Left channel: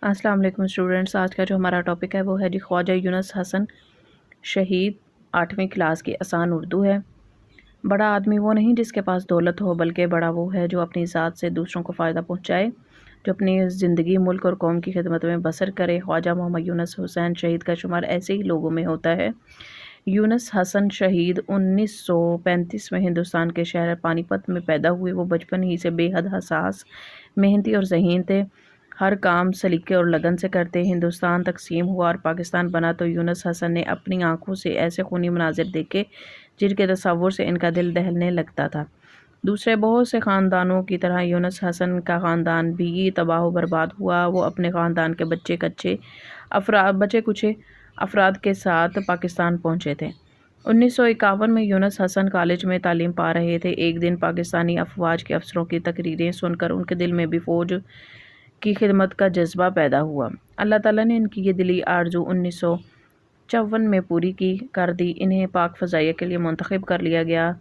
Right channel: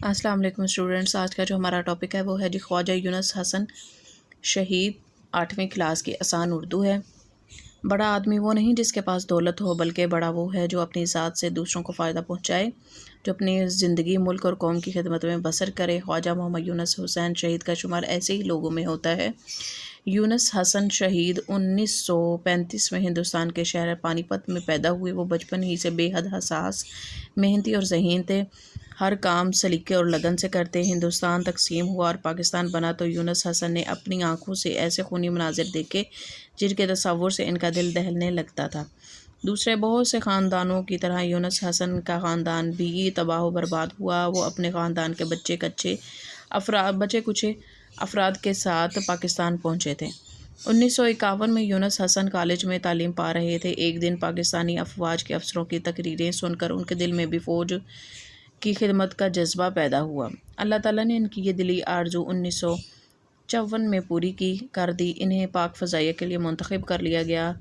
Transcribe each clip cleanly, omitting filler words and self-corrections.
السلام علیکم اسٹوڈنٹس، آج کا جو ہمارا ٹاپک ہے وہ ہے جی خواجہ یونس حسن شہید 8ویں کلاس کی آسان اردو ہے۔ بڑا آدمی وہ نہیں جس کے پاس دولت ہو، بلکہ بڑا وہ ہے جو اپنی ذات سے دوسروں کو فائدہ پہنچائے، جو اپنی زندگی ملک اور قوم کی خدمت میں بسر کرے۔ خواجہ محمد یونس حسین شہید کا شمار ایسے ہی لوگوں میں ہوتا ہے۔ یونس حسن شہید 1935 میں ہندوستان کے شہر پانی پت میں پیدا ہوئے۔ وہ بچپن ہی سے بے حد حساس، محنتی اور ذہین تھے۔ ہر کام سلیقے اور لگن سے کرتے۔ ہندوستان تقسیم ہوا اور پاکستان بنا تو یونس حسن نے اپنی آنکھوں سے ایسے خونی مناظر دیکھے جن کے تصور سے ان کا دل دہلنے لگتا تھا۔ دوسرے بہت سے خاندانوں کی طرح یونس حسن کا خاندان بھی تباہ و برباد ہوا۔ وہ اپنے خاندان کے بچے کچے افراد کے ساتھ پاکستان پہنچے تھے۔ 1951 میں یونس حسن کالج میں تعلیم پا رہے تھے۔ ایک دن پاکستانی افواج کے افسروں کی تقریریں سن کر ان کے دل میں بھی فوج کی خدمت کا جذبہ پیدا ہوا۔ اللہ تعالیٰ نے ان کی یہ دلی آرزو 1954 میں پوری کر دی۔ انہیں پاک فضائیہ کے لیے منتخب کر لیا گیا۔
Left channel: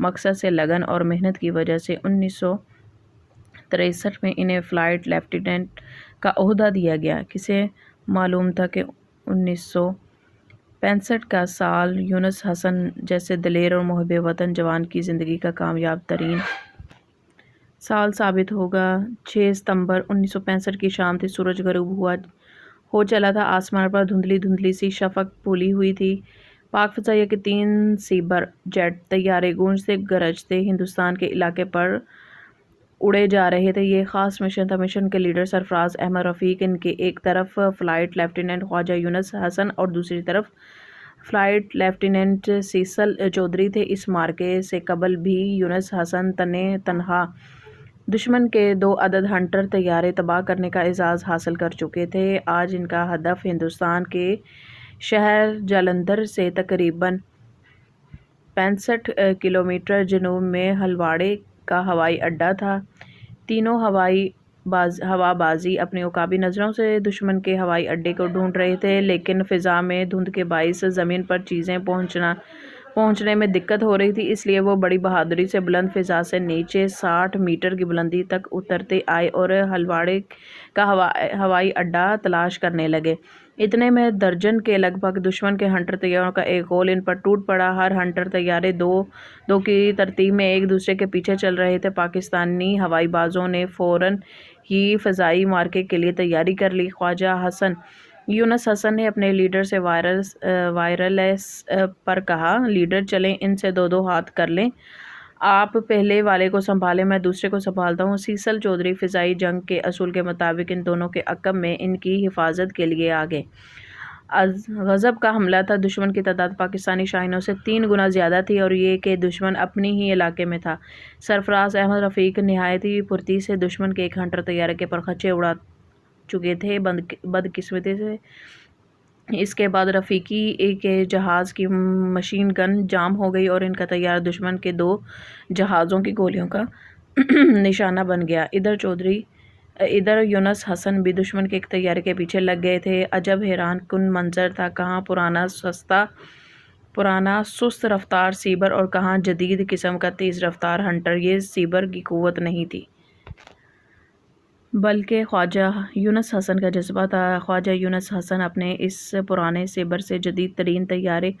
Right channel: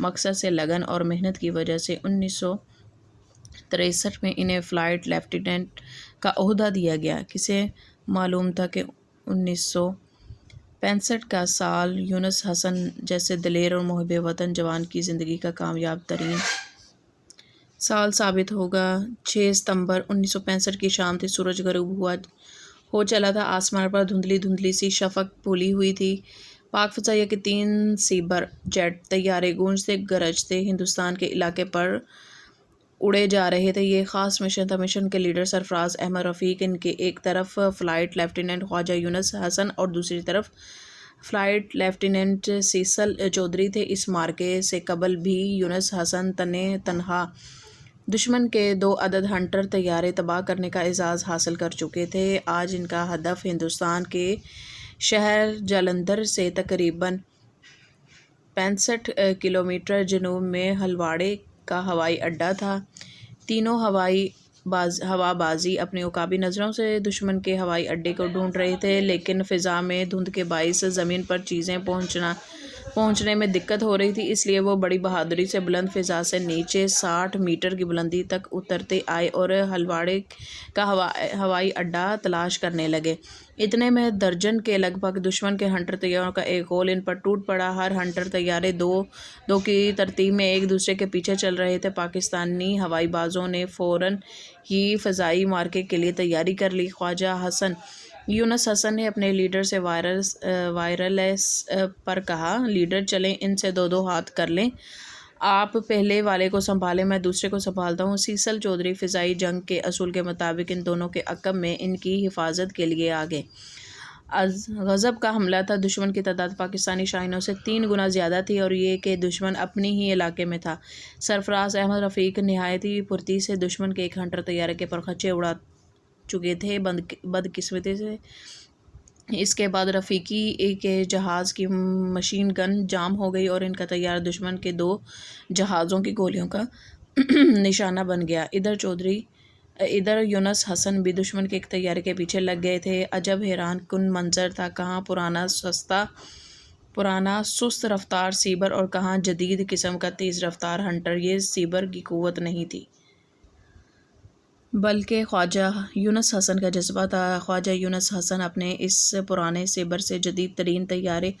مقصد سے لگن اور محنت کی وجہ سے 1963 میں انہیں فلائٹ لیفٹیننٹ کا عہدہ دیا گیا۔ کسے معلوم تھا کہ 1965 کا سال یونس حسن جیسے دلیر اور محب وطن جوان کی زندگی کا کامیاب ترین سال ثابت ہوگا۔ 6 ستمبر 1965 کی شام تھی۔ سورج غروب ہو چلا تھا۔ آسمان پر دھندلی سی شفق پھولی ہوئی تھی۔ پاک فضائیہ کے 3 سیبر جیٹ طیارے گونجتے گرجتے ہندوستان کے علاقے پر اڑے جا رہے تھے۔ یہ خاص مشن تھا۔ مشن کے لیڈر سرفراز احمد رفیق، ان کے ایک طرف فلائٹ لیفٹیننٹ خواجہ یونس حسن اور دوسری طرف فلائٹ لیفٹیننٹ سیسل چودھری تھے۔ اس معرکے سے قبل بھی یونس حسن تنہا دشمن کے 2 عدد ہنٹر طیارے تباہ کرنے کا اعزاز حاصل کر چکے تھے۔ آج ان کا ہدف ہندوستان کے شہر جالندھر سے تقریباً 65 کلومیٹر جنوب میں ہلواڑے کا ہوائی اڈہ تھا۔ تینوں ہوا بازی اپنی عقابی نظروں سے دشمن کے ہوائی اڈے کو ڈھونڈ رہے تھے، لیکن فضا میں دھند کے باعث زمین پر چیزیں پہنچنے میں دقت ہو رہی تھی۔ اس لیے وہ بڑی بہادری سے بلند فضا سے نیچے 60 میٹر کی بلندی تک اترتے آئے اور ہلواڑے کا ہوائی اڈہ تلاش کرنے لگے۔ اتنے میں درجن کے لگ بھگ دشمن کے ہنٹر طیاروں کا ایک غول ان پر ٹوٹ پڑا۔ ہر ہنٹر طیارے دو کی ترتیب میں ایک دوسرے کے پیچھے چل رہے تھے۔ پاکستانی ہوائی بازوں نے فوراً ہی فضائی معرکے کے لیے تیاری کر لی۔ خواجہ یونس حسن نے اپنے لیڈر سے وائرلیس پر کہا، لیڈر چلیں ان سے 2 ہاتھ کر لیں، آپ پہلے والے کو سنبھالیں، میں دوسرے کو سنبھالتا ہوں۔ سیسل چودھری فضائی جنگ کے اصول کے مطابق ان دونوں کے عقب میں ان کی حفاظت کے لیے آگے۔ غضب کا حملہ تھا۔ دشمن کی تعداد پاکستانی شاہینوں سے 3 گنا زیادہ تھی اور یہ کہ دشمن اپنی ہی علاقے میں تھا۔ سرفراز احمد رفیق نہایت ہی پھرتی سے دشمن کے ایک ہنٹر طیارے کے پرخچے اڑا چکے تھے۔ بدقسمتی سے اس کے بعد رفیقی کے جہاز کی مشین گن جام ہو گئی اور ان کا طیارہ دشمن کے 2 جہازوں کی گولیوں کا نشانہ بن گیا۔ ادھر یونس حسن بھی دشمن کے ایک طیارے کے پیچھے لگ گئے تھے۔ عجب حیران کن منظر تھا، کہاں پرانا سست رفتار سیبر اور کہاں جدید قسم کا تیز رفتار ہنٹر۔ یہ سیبر کی قوت نہیں تھی، بلکہ خواجہ یونس حسن کا جذبہ تھا۔ خواجہ یونس حسن اپنے اس پرانے سیبر سے جدید ترین طیارے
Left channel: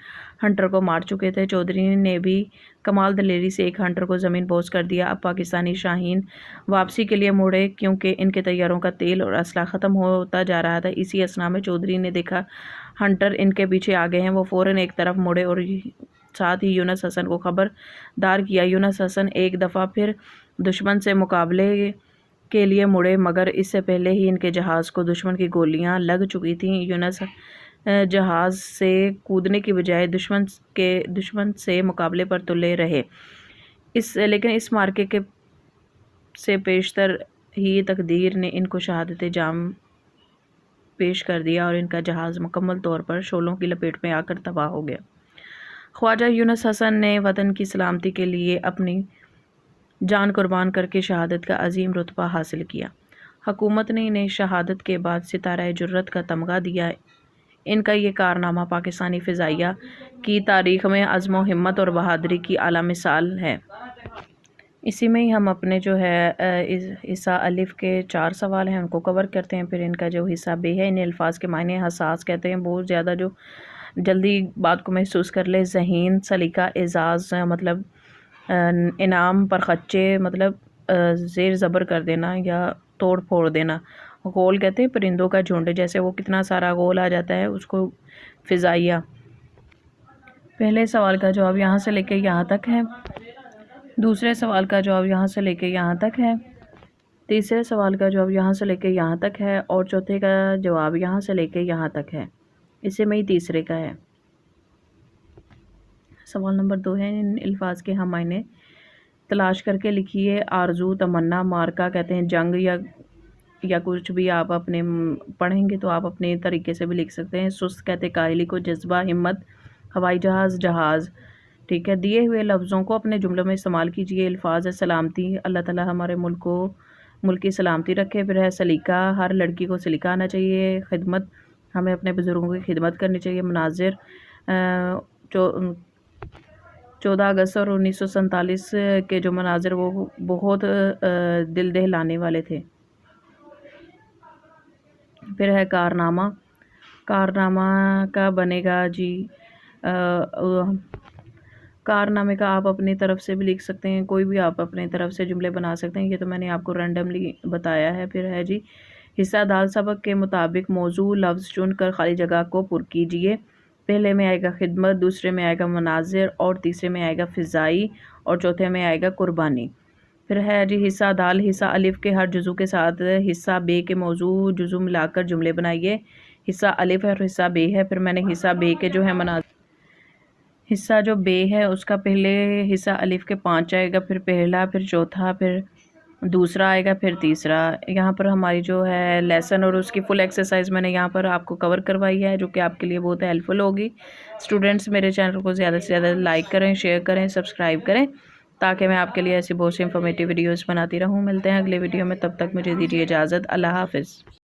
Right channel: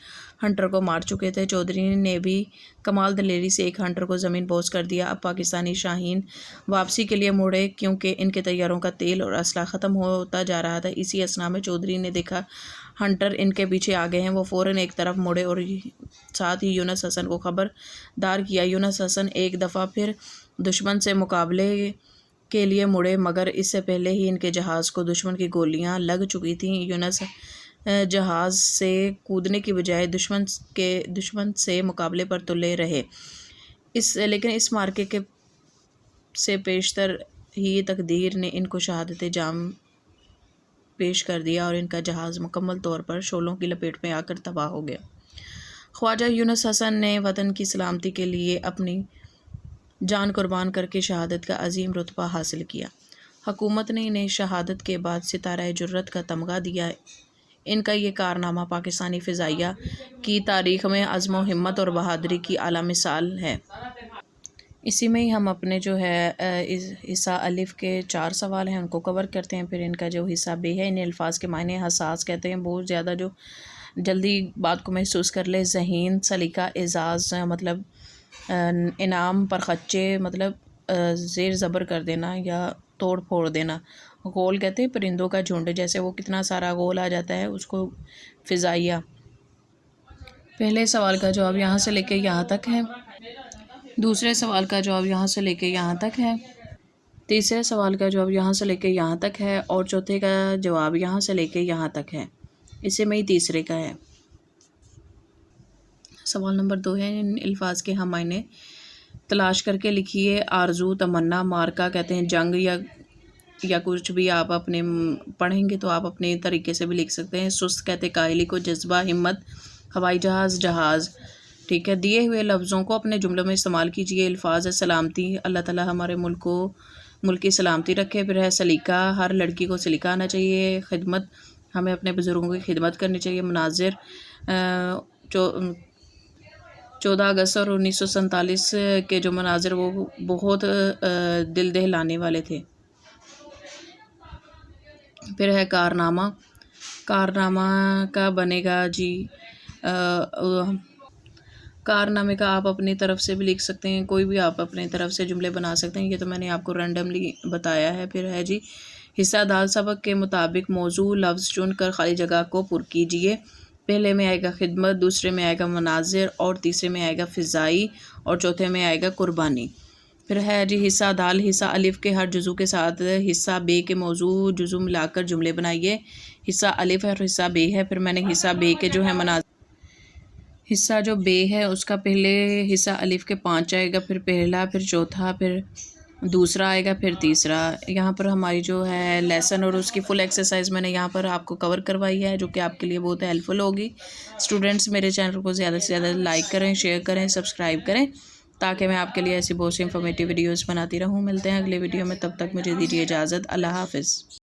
ہنٹر کو مار چکے تھے۔ چودھری نے بھی کمال دلیری سے ایک ہنٹر کو زمین بوس کر دیا۔ اب پاکستانی شاہین واپسی کے لیے مڑے کیونکہ ان کے طیاروں کا تیل اور اسلحہ ختم ہوتا جا رہا تھا۔ اسی اثنا میں چودھری نے دیکھا ہنٹر ان کے پیچھے آ گئے ہیں۔ وہ فوراً ایک طرف مڑے اور ساتھ ہی یونس حسن کو خبردار کیا۔ یونس حسن ایک دفعہ پھر دشمن سے مقابلے کے لیے مڑے، مگر اس سے پہلے ہی ان کے جہاز کو دشمن کی گولیاں لگ چکی تھیں۔ یونس جہاز سے کودنے کی بجائے دشمن سے مقابلے پر تلے رہے، لیکن اس معرکے سے پیشتر ہی تقدیر نے ان کو شہادت جام پیش کر دیا اور ان کا جہاز مکمل طور پر شعلوں کی لپیٹ میں آ کر تباہ ہو گیا۔ خواجہ یونس حسن نے وطن کی سلامتی کے لیے اپنی جان قربان کر کے شہادت کا عظیم رتبہ حاصل کیا۔ حکومت نے انہیں شہادت کے بعد ستارہ جرت کا تمغہ دیا۔ ان کا یہ کارنامہ پاکستانی فضائیہ کی تاریخ میں عزم و ہمت اور بہادری کی اعلیٰ مثال ہے۔ اسی میں ہی ہم اپنے جو ہے حصہ الف کے 4 سوال ہیں ان کو کور کرتے ہیں. پھر ان کا جو حصہ بے ہے، ان الفاظ کے معنی حساس کہتے ہیں بہت زیادہ جو جلدی بات کو محسوس کر لے. ذہین، سلیقہ، اعزاز مطلب انعام پر خچے مطلب زیر زبر کر دینا یا توڑ پھوڑ دینا. غول کہتے ہیں پرندوں کا جھنڈ، جیسے وہ کتنا سارا غول آ جاتا ہے اس کو فضائیہ. پہلے سوال کا جواب یہاں سے لے کے یہاں تک ہے. دوسرے سوال کا جواب یہاں سے لے کے یہاں تک ہے. تیسرے سوال کا جواب یہاں سے لے کے یہاں تک ہے. اور چوتھے کا جواب یہاں سے لے کے یہاں تک ہے. اسے میں ہی تیسرے کا ہے. سوال نمبر 2 ہے، ان الفاظ کے ہم معنی تلاش کر کے لکھیے. آرزو، تمنا، مارکا کہتے ہیں جنگ یا کچھ بھی آپ اپنے پڑھیں گے تو آپ اپنے طریقے سے بھی لکھ سکتے ہیں. سست کہتے ہیں کاہلی کو. جذبہ، ہمت. ہوائی جہاز، جہاز. ٹھیک ہے. دیے ہوئے لفظوں کو اپنے جملوں میں استعمال کیجیے. الفاظ ہے سلامتی، اللہ تعالیٰ ہمارے ملک کی سلامتی رکھے. پھر ہے سلیقہ، ہر لڑکی کو سلیقہ آنا چاہیے. خدمت، ہمیں اپنے بزرگوں کی خدمت کرنی چاہیے. مناظر، 14 اگست اور 1947 کے جو مناظر وہ بہت دل دہلانے والے تھے. پھر ہے کارنامہ. کارنامہ کا بنے گا جی کارنامے کا آپ اپنی طرف سے بھی لکھ سکتے ہیں، کوئی بھی آپ اپنی طرف سے جملے بنا سکتے ہیں. یہ تو میں نے آپ کو رینڈملی بتایا ہے. پھر ہے جی حصہ دال. سبق کے مطابق موضوع لفظ چن کر خالی جگہ کو پر کیجیے. پہلے میں آئے گا خدمت، دوسرے میں آئے گا مناظر، اور تیسرے میں آئے گا فضائی، اور چوتھے میں آئے گا قربانی. پھر ہے جی حصہ دال. حصہ الف کے ہر جزو کے ساتھ حصہ بے کے موضوع جزو ملا کر جملے بنائیے. حصہ الف ہے اور حصہ بے ہے. پھر میں نے حصہ بے کے جو ہے حصہ جو بے ہے اس کا پہلے حصہ الف کے 5 آئے گا، پھر پہلا، پھر چوتھا، پھر دوسرا آئے گا، پھر تیسرا. یہاں پر ہماری جو ہے لیسن اور اس کی فل ایکسرسائز میں نے یہاں پر آپ کو کور کروائی ہے، جو کہ آپ کے لیے بہت ہیلپ فل ہوگی. اسٹوڈنٹس میرے چینل کو زیادہ سے زیادہ لائک کریں، شیئر کریں، سبسکرائب کریں، تاکہ میں آپ کے لیے ایسی بہت سی انفارمیٹیو ویڈیوز بناتی رہوں. ملتے ہیں اگلے ویڈیو میں، تب تک مجھے دیجیے اجازت. اللہ حافظ.